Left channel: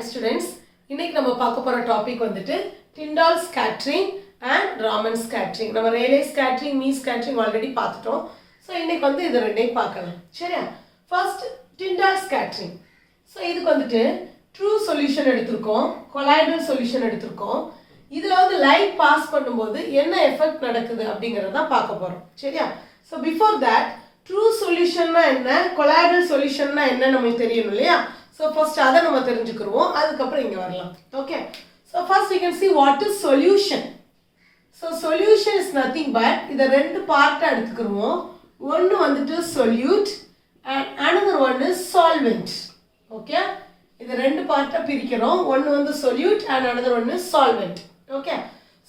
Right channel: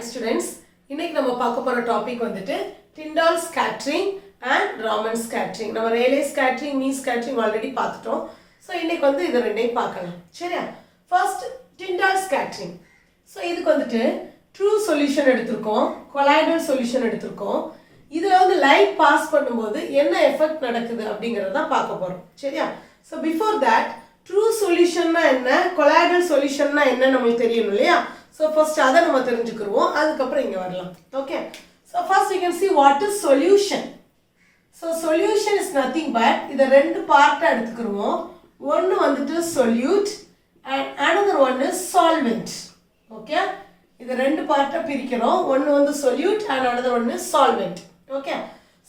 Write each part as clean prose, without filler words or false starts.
Hi students, இன்னைக்கு நம்ம பார்க்க போற டாபிக் வந்துட்டு Tyndall scattering and Raman scattering. நம்ம Rayleigh scattering, Mean scattering already பார்த்துட்டோம். ஸோ இன்னைக்கு வந்து இது ரெண்டையும் பார்க்கலாம். சரியா? First Tyndall scattering. ஸோ இதுக்கு வந்துட்டு ட்ரூ சொல்யூஷன் எடுத்திருக்கோம், கொலாய்டல் சொல்யூஷன் எடுத்திருக்கோம். இதில் வந்து லைட் பாஸ் பண்ணும்போது என்ன எஃபெக்ட் நடக்குது அப்படிங்கிறத தான் பார்க்க போகிறோம். சரியா? ஸோ பிஃபோர் தட் ட்ரூ சொல்யூஷன்னா என்ன, கொலாய்டல் சொல்யூஷன்னா என்ன நம்மளுக்கு தெரியணும் இல்லையா? So first அதை நம்ம தெரிஞ்சுக்குருவோம், அதுக்கப்புறம் இங்கே வரலாம். Okay, so first you can see what is solution. So solution is nothing but இதை ரெண்டு பார்ட்டாக எடுத்துக்கிருவோம். ஒன்று வந்துட்டு solute and another one is solvent. Okay, இதை ரெண்டு பார்ட்டாக பிரிக்கிறோம். ஒன்று வந்து solute and another one is solvent. Okay,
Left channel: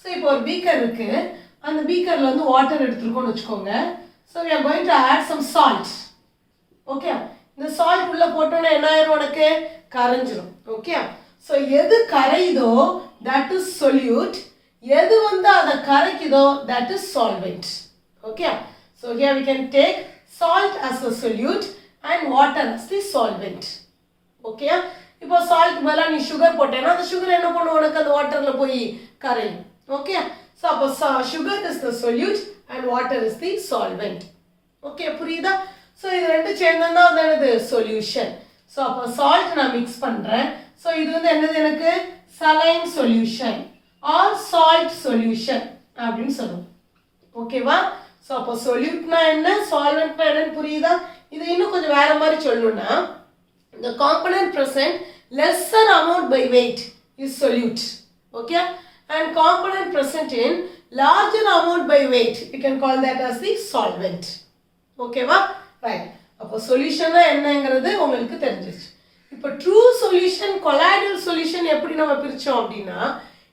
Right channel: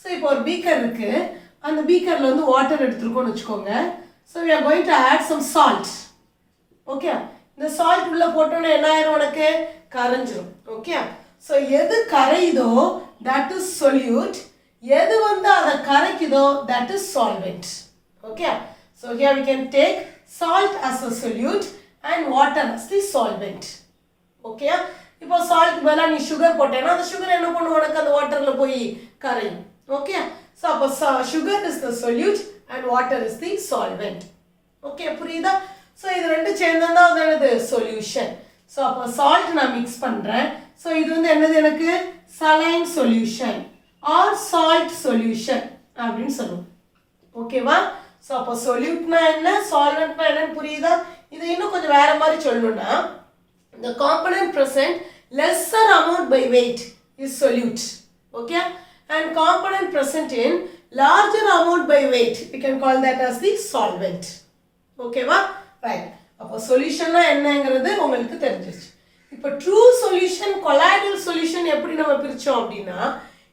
so இப்போ ஒரு பீக்கர் இருக்குது, அந்த பீக்கரில் வந்து வாட்டர் எடுத்துருக்கோன்னு வச்சுக்கோங்க. So we are going to add some salt. Okay, இந்த சால்ட் உள்ள போட்டோன்னா என்ன ஆயிரும், உனக்கு கரைஞ்சிரும். ஓகே, ஸோ எது கரையுதோ தட் இஸ் சொல்யூட், எது வந்து அதை கரைக்குதோ that is solvent. Okay, so here we can take salt as a solute and water as the solvent. Okay, இப்போ சால்ட் மேலே நீ சுகர் போட்டேன்னா அந்த சுகர் என்ன பண்ணும், உனக்கு அந்த வாட்டரில் போய் கரையும். ஓகே, ஸோ அப்போ sugar is the solute and water is the solvent. Okay, புரியுதா? ஸோ இது ரெண்டு சேர்ந்தா வந்து என்னது சொல்யூஷன். ஸோ அப்போ சால்ட் நான் மிக்ஸ் பண்ணுறேன். ஸோ இது வந்து என்னது, எனக்கு saline solution or salt solution அப்படின்னு சொல்லுவோம். ஓகேவா? ஸோ அப்போ சொல்யூட்னா என்ன, சால்வெண்ட்னா என்னன்னு புரியுதா? இது இன்னும் கொஞ்சம் வேற மாதிரி சொல்லணும்னா the component present lesser amount by weight is solute. Okay, and component present in larger amount by weight we can call that as the solvent. Okay va? Right. அப்போ சொல்யூஷன்னா என்னங்கிறது உங்களுக்கு தெரிஞ்சிருச்சு. இப்போ ட்ரூ சொல்யூஷன், கொலாய்டல் சொல்யூஷன் எப்படி நம்ம பிரிச்சோம் அப்படின்னா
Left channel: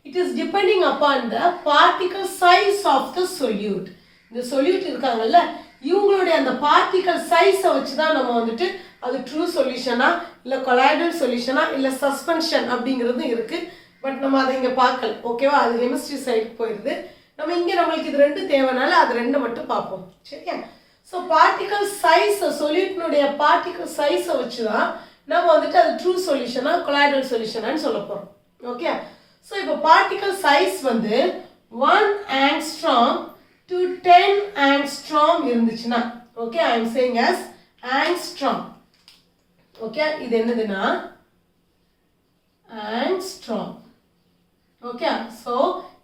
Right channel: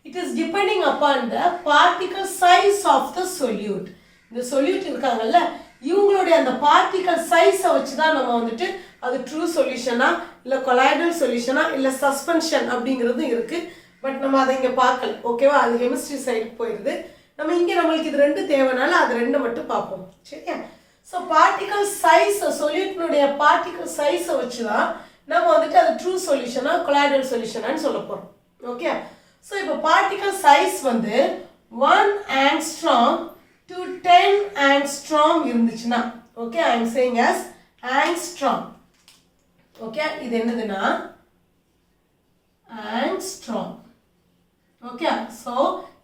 it is depending upon the particle size of the solute. இந்த solute இருக்காங்கல்ல, இவங்களுடைய அந்த பார்ட்டிகல் சைஸை வச்சு தான் நம்ம வந்துட்டு அது ட்ரூ சொல்யூஷனா இல்லை கொலாய்டல் சொல்யூஷனா இல்லை சஸ்பென்ஷன் அப்படிங்கிறது இருக்குது. பட் நம்ம அதை இங்கே பார்க்கல. ஓகேவா? அது கெமிஸ்ட்ரி சைடுக்கு போயிடுது. நம்ம இங்கே நம்மளுக்கு இது ரெண்டு தேவைனால அது ரெண்டு மட்டும் பார்ப்போம். சரியா? ஸோ பார்ட்டிகல் சைஸ், சொல்யூட்னுடைய பார்ட்டிகல் சைஸை வச்சு தான் நம்ம வந்துட்டு அது ட்ரூ சொல்யூஷனா கொலாய்டல் சொல்யூஷனான்னு சொல்ல போகிறோம். ஓகே, ஸோ இப்போ பார்ட்டிகல் சைஸ் வந்து 1 angstrom to 10 angstrom இருந்துச்சுன்னா, okay, I am saying as angstrom. Okay, இது என்னதுன்னா angstrom. ஓகே, ஸோ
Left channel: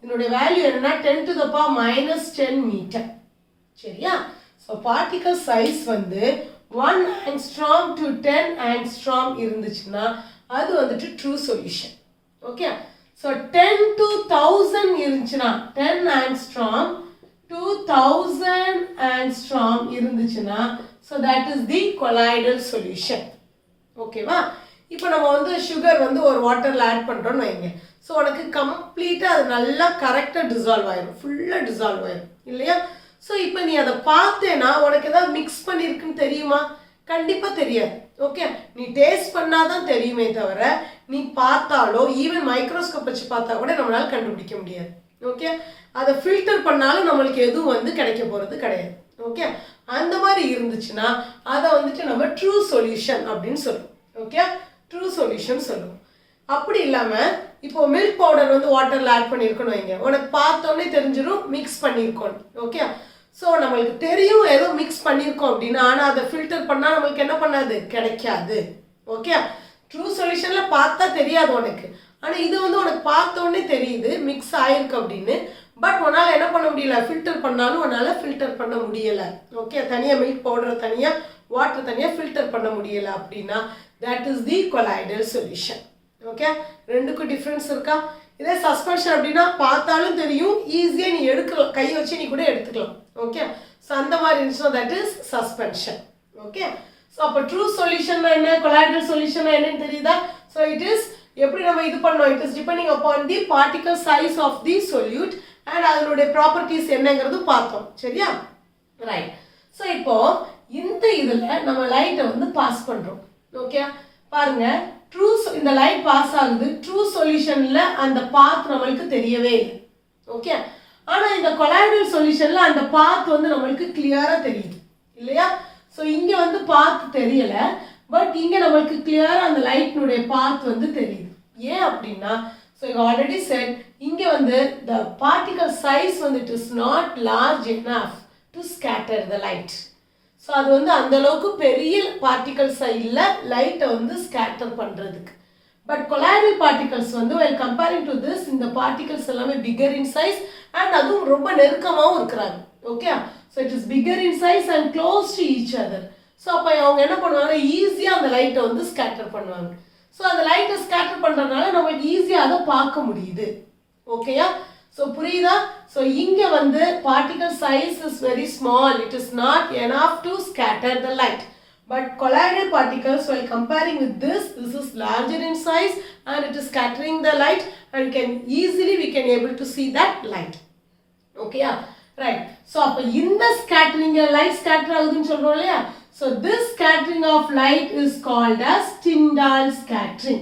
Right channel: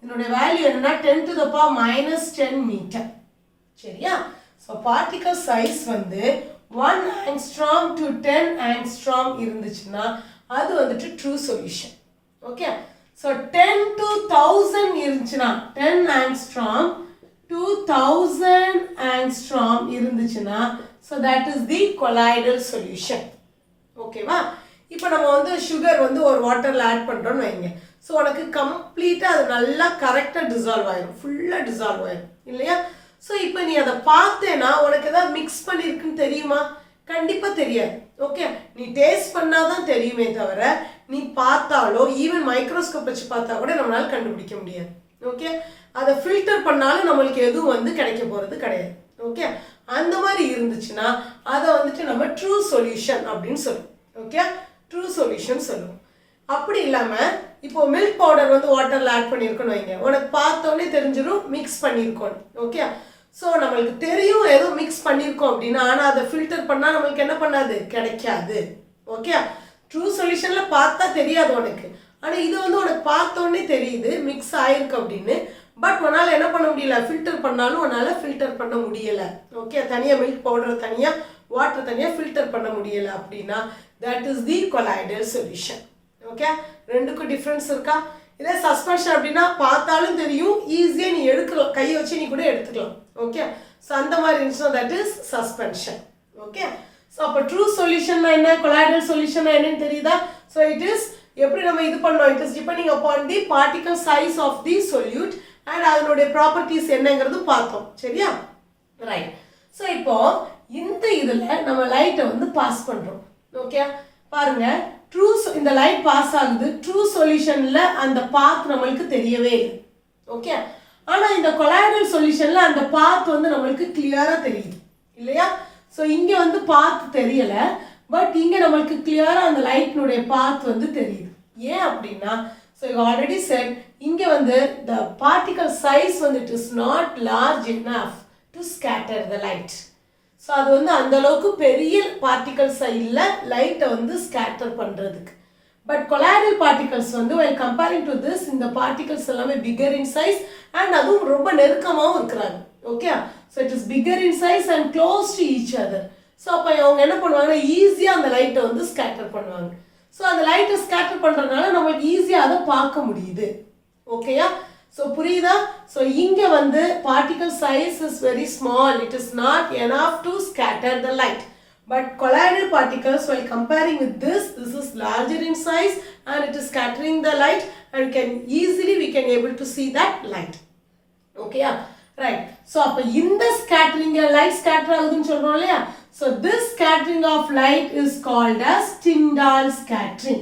இதனுடைய வேல்யூ என்னன்னா 10 to the power minus 10 metre. சரியா? ஸோ பார்ட்டிகல் சைஸ் வந்து 1 angstrom to 10 angstrom இருந்துச்சுன்னா அது வந்துட்டு true solution. Okay, so 10 to 1000 இருந்துச்சுன்னா 10 angstrom to 1000 angstrom இருந்துச்சுன்னா so that is the colloidal solution. ஓகேவா? இப்போ நம்ம வந்து சுகர் வந்து ஒரு வாட்டரில் ஆட் பண்ணுறோன்னு வைங்க. ஸோ உனக்கு கம்ப்ளீட்டாக அது நல்லா கரெக்டாக டிசால்வ் ஆயிடும், ஃபுல்லாக டிசால்வ் ஆயிடும் இல்லையா? ஸோ இப்போ நீ அதை பார்த்தேன்னா உனக்கு எதாவது மிக்ஸ் பண்ணியிருக்குன்னு தெரியுமா? கண்டிப்பாக தெரியாது. ஓகே, நீ டேஸ்ட் பண்ணாதான் தெரியுமே தவிர நீ பார்த்தாலோ ஈவன் மைக்ரோஸ்கோப் வச்சு பார்த்தா கூட நம்மளால கண்டுபிடிக்க முடியாது. ஓகே, அதை ஃபில்டர் பண்ணாலும் நம்மளுக்கு எதுவும் வந்து கிடைக்க போகிறது கிடையாது. ஓகே, அந்த மாதிரி இருந்துச்சுன்னா அதை வந்துட்டு நம்ம ட்ரூ சொல்யூஷன் அப்படின்னு சொல்லுவோம். ஓகே, ட்ரூ சொல்யூஷன் சொல்லுவோம். அப்படி இல்லாமல் இப்போ மில்க் பவுடர் வந்து வாட்டரில் ஆட் பண்ணியிருக்கோன்னு வைங்க, உனக்கு பார்த்தோன்னே தெரிஞ்சிடும் மிக்ஸ் பண்ணியிருக்கோம். ஓகே, ஸோ நம்மளுக்கு தெரியும் ஏதோ மிக்ஸ் பண்ணியிருக்கோம் அப்படின்னா, ஆனால் அதை ஃபில்டர் பண்ணால் நம்மளுக்கு என்ன பண்ணாது, கிடைக்காது. ஓகே, ட்ரூ சொல்யூஷனில் பார்த்தா தெரியாது உனக்கு, ஆனால் இது வந்து உனக்கு பார்த்தோன்னே தெரியுது மிக்ஸ் ஆயிருக்கு அப்படின்னு. பட் உன்னால் என்ன பண்ண முடியல, ஃபில்டர் பண்ணாலும் உன்னால் ஃபில்டர் பண்ண முடியலை. ஓகே, தனியாக மில்க் பவுடரை தனியாக வாட்டர் தனியாக ஃபில்டர் பண்ண முடியலை அப்படின்னா that is the colloidal solution. Okay, ரெண்டுக்கும் டிஃப்ரென்ஸ் இருக்கா? இதே சஸ்பென்ஷன் அப்படின்னா பார்த்தாலும் தெரியும், ஈஸியாக நீ எடுக்கலாம், கையை வச்சு நீ கூட எடுத்துக்கலாம். ஓகே, ஸோ அந்த மாதிரி இருந்துச்சுன்னா that is suspension. Okay, so அப்போ ட்ரூ சொல்யூஷன்னா என்ன, கொலாய்டல் சொல்யூஷன்னா என்னன்னு தெரியுதா? ஸோ இட் இஸ் எப்படி நம்ம இது பண்ணோம், it is depending upon the particle size of the solute and அதனுடைய ப்ராப்பர்ட்டிஸ் என்னங்கிறது பார்த்தோம். சரியா? ரைட். ஸோ இப்போ இந்த இதில் நம்ம லைட்டை வந்து பாஸ் பண்ணுறோம். ஓகே, பாருங்க, ட்ரூ இந்த லைட் பாஸ் ஆகுது, ட்ரூ சொல்யூஷனில் அந்த பாத் நம்மளுக்கு தெரியவே இல்லை. ஓகே, ஆனால் இந்த கொலாய்டல் சொல்யூஷனில் அந்த பாத் வந்து நம்மளுக்கு கிளியராக தெரியுது இல்லையா? ஸோ இங்கே வந்து பாத் தெரியலை, பட் இங்கே நம்மளுக்கு கிளியராக அந்த லைட்னுடைய பாத் வந்து தெரியுது. ஏன் அப்படின்னா ஸோ யூ ஆல்ரெடி செட் இங்கே வந்து த பார்ட்டிகல் சைஸ் வந்து it is not large enough to scatter the light. So அது வந்து அந்த அளவுக்கு பெரிய பார்ட்டிகல்ஸ் இல்லை லைட்டை வந்து ஸ்கேட்டர் பண்ணுறதுக்கு. பட் கொலாய்டல் பார்ட்டிகல்ஸ் வந்து while comparing to this இந்த பார்ட்டிகல்ஸ் எல்லாமே பிகர் இன் சைஸ் அண்ட் அதுவும் ரொம்ப நெருக்கமாகவும் இருக்கிறாங்க. Okay, so it is bigger in size and close to each other. So அப்போ அவங்க என்ன பண்ணுவாங்கன்னா ஈஸியாக அந்த லைட்டை வந்து ஸ்கேட்டர் பண்ணுவாங்க. ஸோ அந்த லைட்டை ஸ்கேட்டர் பண்ணுறதுனால நம்மளுக்கு ஈஸியாக அதை பார்க்க முடியுது. ஓகேயா? ஸோ புரியுதா? ஸோ இங்கே வந்து particle size is very small, it is not enough to scatter the light. But colloidal particles, while comparing with this is larger in size and it is scattering the light and we can able to see that light. Okay, yeah, right. So appo inda scattering light scatter agudunu solrom illaya. So this scattering of light is called as Tyndall scattering.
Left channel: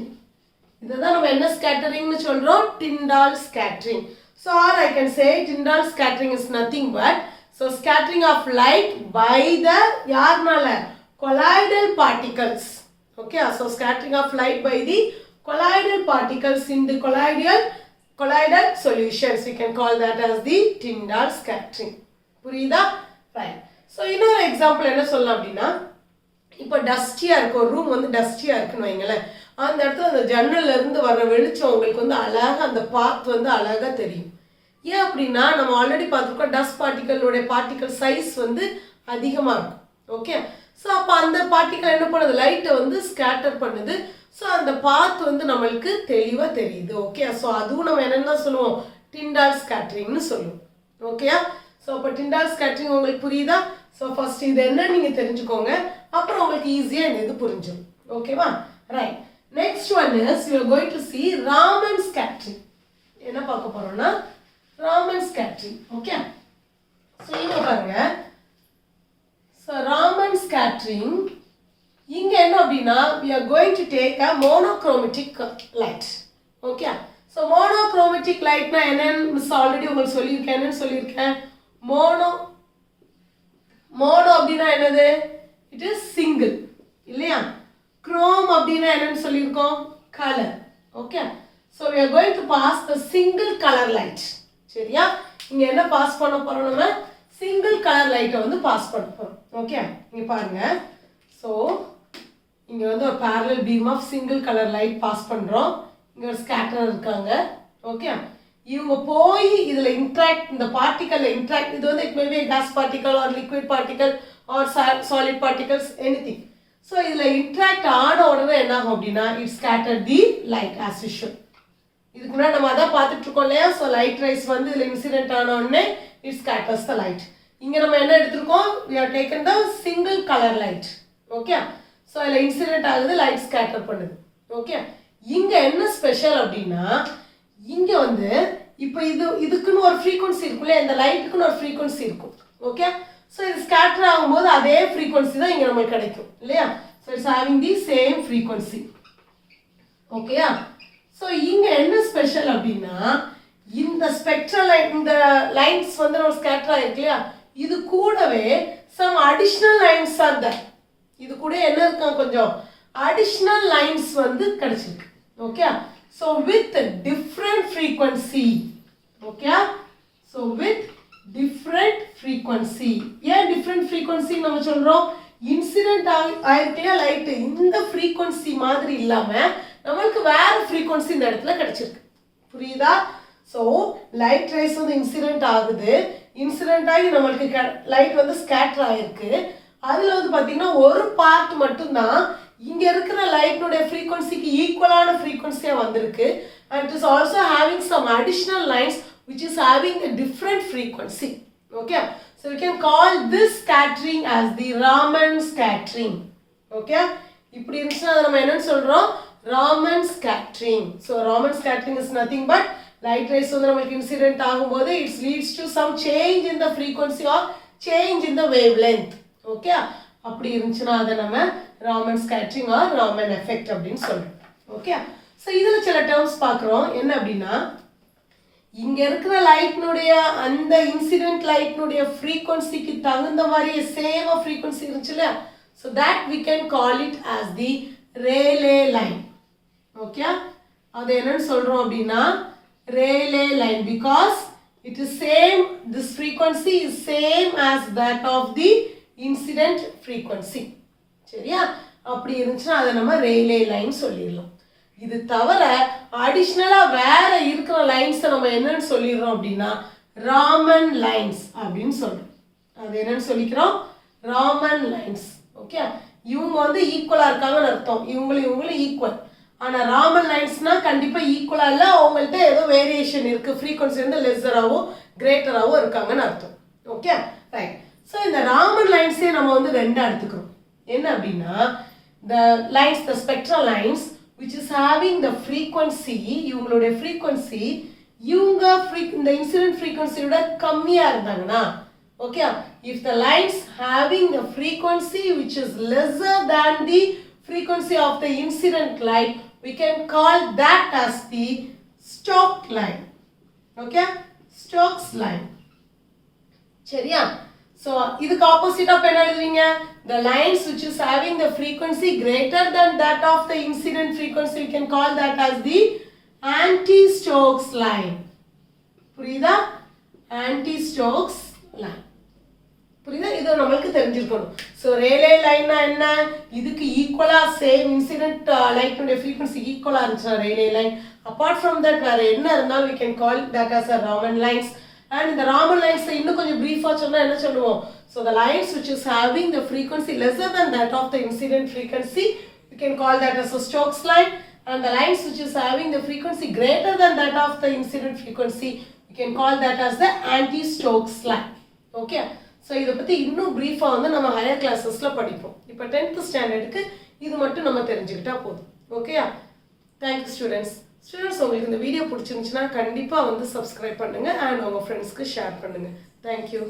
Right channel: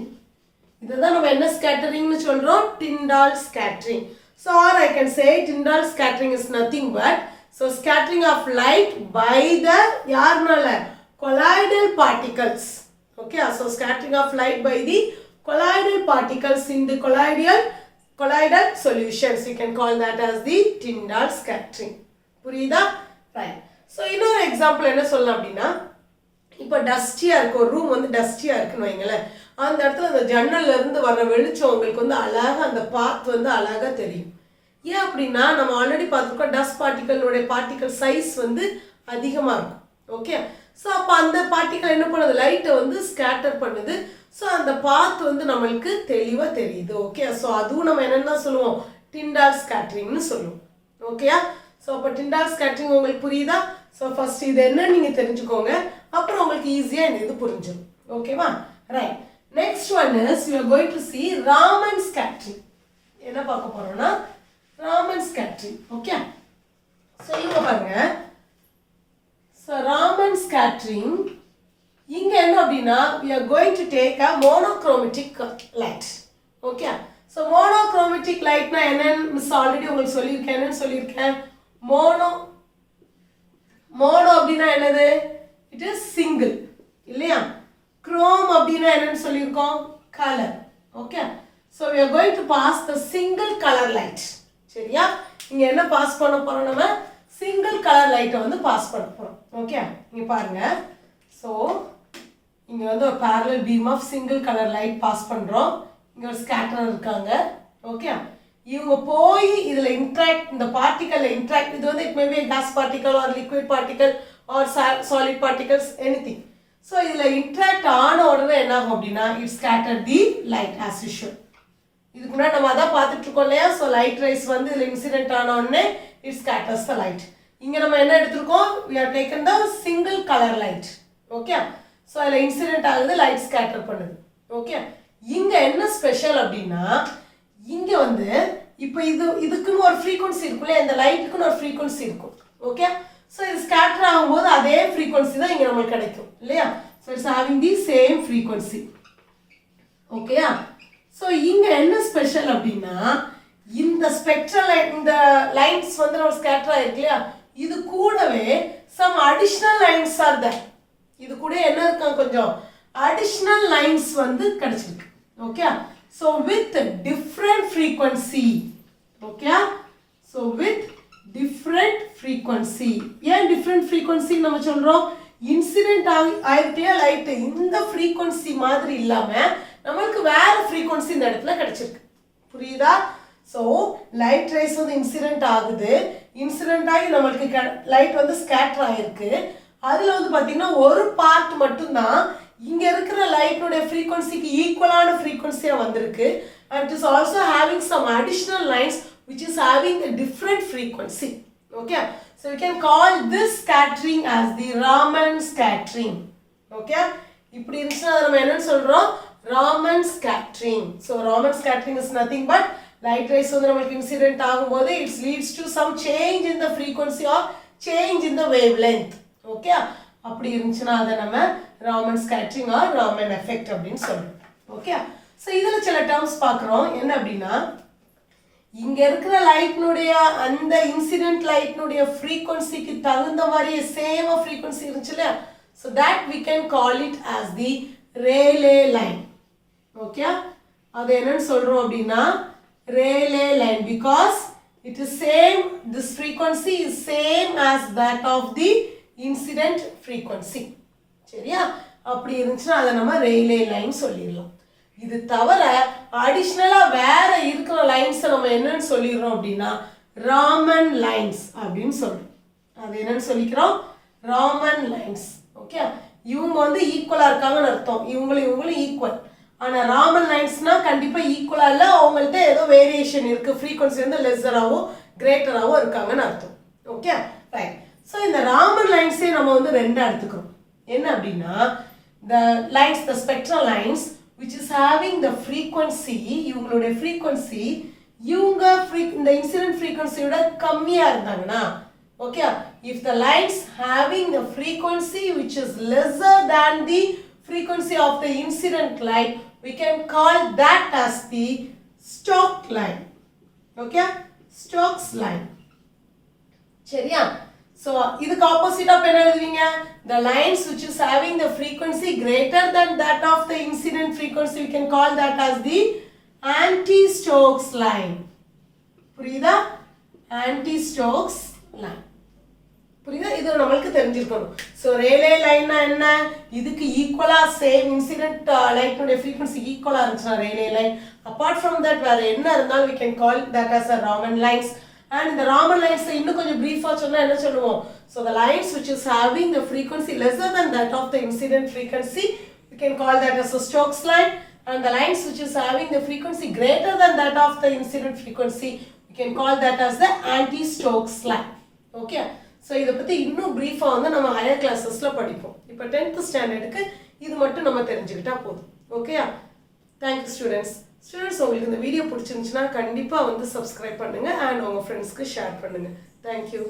Idha nam enna scattering nu solrom? Tyndall scattering. So or I can say Tyndall scattering is nothing but so scattering of light by the yarnala colloidal particles. Okay, so scattering of light by the colloidal particles in the colloidal solutions. We can call that as the Tyndall scattering. புரியுதா? Right. So இன்னொரு example என்ன சொல்லலாம் அப்படின்னா, இப்போ டஸ்டியாக இருக்கும், ஒரு room வந்து டஸ்டியாக இருக்குன்னு வைங்களேன், அந்த இடத்துல அந்த ஜன்னல்ல இருந்து வர வெளிச்சம் உங்களுக்கு வந்து அழகாக அந்த பாத் வந்து அழகாக தெரியும். ஏன் அப்படின்னா நம்ம ஆல்ரெடி பார்த்துருக்கோம் டஸ்ட் பார்ட்டிக்கல் சைஸ் வந்து அதிகமாக இருக்கும். ஓகே, ஸோ அப்போ அந்த பார்ட்டிக்கல் என்ன பண்ணுது, லைட்டை வந்து ஸ்கேட்டர் பண்ணுது. ஸோ அந்த பாத் வந்து நம்மளுக்கு தெளிவாக தெரியுது. ஓகே, ஸோ அதுவும் நம்ம என்னென்ன சொல்லுவோம், டிண்டால் ஸ்கேட்டரிங்னு சொல்லுவோம். ஓகேயா? ஸோ அப்போ டிண்டால் ஸ்கேட்டரிங் உங்களுக்கு புரியுதா? ஸோ ஃபர்ஸ்ட் இது என்ன நீங்கள் தெரிஞ்சுக்கோங்க, அப்புறம் உங்களுக்கு ஈஸியாக இந்த இது புரிஞ்சிடும். ஓகேவா? Right. Next one is you are going to see Raman scattering. என்ன பார்க்க போறோம்னா Raman scattering. ஓகே, ஸோ இங்க பாருங்க. So Raman scattering இங்க என்ன அப்படின்னா we are going to take a monochromatic light. Okay, so monochromatic light na என்னன்னு miss already உங்களுக்கு சொல்லியிருக்கேன். என்னன்னு சொல்லியிருக்கேன்? மோனோ அப்படின்னா என்னது? இட் இஸ் சிங்கிள் இல்லையா? குரோம் அப்படின்னா என்னன்னு சொல்லியிருக்கோம்? Colour. Okay, so we are going to pass the single color light. சரியா? இங்க என்ன பாஸ் பண்ண போறோம், நம்ம சிங்கிள் கலர் லைட்டை வந்து பாஸ் பண்ண போறோம். ஓகே, இங்க பாருங்க. ஸோ இங்க வந்து ஒரு parallel beam of single color light pass பண்றோம். இங்க ஒரு ஸ்கேட்டர் இருக்காங்க. ஓகே, இவங்க போய் இதுல இன்டராக்ட், இந்த பார்ட்டிகல்ல இன்டராக்ட், இது வந்து it may be gas particle or liquid particle or solid particles anything. So இதுல இன்டராக்ட் ஆன உடனே என்ன ஆகும் அப்படின்னா it scatter the light as usual. இதுக்கு முன்னாடி நம்ம அதான் பார்த்துட்டு இருக்கோம் இல்லையா? ஸோ லைட் ரைஸ் வந்து இதுல இன்சிடென்ட் ஆன உடனே it scatters the light. இங்க நம்ம என்ன எடுத்துருக்கோம்? we have taken the single color light. okay, so இதுல இன்சிடென்ட் ஆகுது, லைட் ஸ்கேட்டர் பண்ணுது. ஓகே, இங்க என்ன ஸ்பெஷல் அப்படின்னா இங்க வந்து இப்போ இதுக்குன்னு ஒரு ஃப்ரீக்வன்சி இருக்குல்ல, இந்த லைட்டுக்குன்னு ஒரு ஃப்ரீக்வன்சி இருக்கும். ஓகே, ஸோ இது ஸ்கேட்டர் ஆகும்போது அதே ஃப்ரீக்வன்சி தான் இங்க நமக்கு கிடைக்கும் இல்லையா? So it's having the same frequency. ஓகேயா? ஸோ இங்க என்ன ஸ்பெஷல் அப்படின்னா இந்த ஸ்பெக்ட்ரல் லைட், இந்த லைன்ஸ் வந்து நம்ம ஸ்கேட்டர் ஆயிருக்கு இல்லையா, இது கூடவே some additional lines or that. இது கூட என்ன இருக்கும், கொஞ்சம் அடிஷனல் லைன்ஸ் வந்து கிடைச்சிருக்கு. Okay, so with different frequency. Okay, so with different frequency. ஏன் டிஃப்ரெண்ட் ஃப்ரீக்வன்சி நம்ம சொல்றோம்? இன்சிடென்ட் ஆயிருக்கே லைட்டு இந்த ஃப்ரீக்வன்சி மாதிரி இல்லாம நம்மளுக்கு வேற ஃப்ரீக்வன்சி இந்த இடத்துல கிடைச்சிருக்கு. புரியுதா? ஸோ லைட் ரேஸ் வந்து இன்சிடென்ட் ஆகுது, இன்சிடென்ட் ஆகி நம்மளுக்கு லைட் வந்து ஸ்கேட்டர் ஆகிருக்கு. அதில் வந்து பார்த்தீங்கன்னா ஒரு பார்ட் மட்டும்தான் இங்கே இருக்கிற லைட்னுடைய ஃப்ரீக்வன்சிக்கு ஈக்குவலான ஃப்ரீக்வன்சியாக வந்திருக்கு. And it is also having some additional lines which is having a different frequency. Okay, so you can call this scattering as the Raman scattering. Okay, இப்படி இருந்துச்சுன்னா நம்ம என்னன்னு சொல்கிறோம்? Raman scattering. So Raman scattering is nothing but light rays வந்து நமக்கு incident ஆகும்போது it leads to some change in the frequency or change in the wavelength. Okay, அப்படி இருந்துச்சுன்னா அதை நம்ம Raman scattering or Raman effect அப்படின்னு சொல்றோம். ஓகே, ஸோ இதுல சில டேர்ம்ஸ் பார்க்குறோம். என்ன அப்படின்னா இங்க இருக்கிற லைட்னுடைய அந்த இன்சிடென்ட் லைட்னுடைய ஃப்ரீக்வன்சிக்கு தகுந்த மாதிரி சேம் ஃப்ரீக்வன்சி இருந்துச்சு இல்லையா, so that we can call it as the Rayleigh line. Okay, அது என்னன்னு சொல்றோம் அப்படின்னா Rayleigh line, because it is same, this frequency is same as that of the incident frequency. சரியா? அப்படி இருந்துச்சுன்னா அதை நம்ம Rayleigh line சொல்லிடலாம். இது தவிர அடிஷ்னலா வேற இருக்கிற லைன்ஸை நம்ம என்னன்னு சொல்லிடுறோம் அப்படின்னா ராமன் லைன்ஸ் அப்படின்னு சொல்றோம். அது என்னன்னு சொல்லிக்கிறோம்? ராமன் லைன்ஸ். ஓகே, இவங்க வந்து ஈக்குவலா இருக்காங்கன்னு அர்த்தம், இவங்களும் ஈக்குவல். ஆனால் ராமன் லைன்ஸ்னா கண்டிப்பாக ஈக்குவலாக இல்லை, அவங்கள்ட்ட ஏதோ வேரியேஷன் இருக்குது, ஃப்ரீக்வன்சி வந்து லெஸ்ஸராகவோ கிரேட்டராகவோ இருக்காங்கன்னு அர்த்தம். Okay right. ஸோ இந்த ராமன் லைன்ஸே நம்ம வந்து ரெண்டாக எடுத்துக்கிறோம். என்ன அப்படின்னா the lines, the spectral lines which is having the frequency, இவங்களுடைய frequency இவங்க இந்த இன்சிடென்ட் ஃப்ரீக்வன்சியோட கம்மியாக இருந்தாங்கன்னா, okay, if the lines having the frequency which is lesser than the frequency of the incident line, we can call that as the Stokes line. Okay, Stokes line. சரியா? So இதுக்கு opposite of என்ன எழுதுவீங்க? The lines which is having the frequency greater than that of the incident frequency, we can call that as the anti-Stokes line. புரியுதா? Anti-Stokes line. புரியுதா? இது நம்மளுக்கு தெரிஞ்சிருக்கணும். So Rayleigh லைன்னா என்ன? இதுக்கு ஈக்குவலாக சேம் இன்சிடென்ட் லைனுடைய ஃப்ரீக்வன்சி ஈக்குவலாக இருந்துச்சுன்னா Rayleigh line. Apart from that வேறு என்ன இருந்தாலும் we can call that as a Raman lines. And இந்த Raman lines இன்னும் கொஞ்சம் பிரீஃபாக சொன்னால் என்ன சொல்லுவோம்? So the lines which is having the frequency lesser than that of the incident frequency, we can call that as a Stokes line. And the lines which is having the frequency greater than that of the incident frequency, we can call that as the anti-Stokes line. Okay. So இதை பற்றி இன்னும் ப்ரீஃபாக வந்து நம்ம higher கிளாஸஸில் படிப்போம். இப்போ 10th ஸ்டாண்டர்டுக்கு இது மட்டும் நம்ம தெரிஞ்சுக்கிட்டா போதும். ஓகேயா? Thank you students. உங்களுக்கு இந்த வீடியோ பிடிச்சிருந்துச்சுன்னா கண்டிப்பாக வந்து சப்ஸ்கிரைப் பண்ணுங்கள் அண்ட் உங்கள் ஃப்ரெண்ட்ஸ்க்கு ஷேர் பண்ணுங்கள். தேங்க்யூ.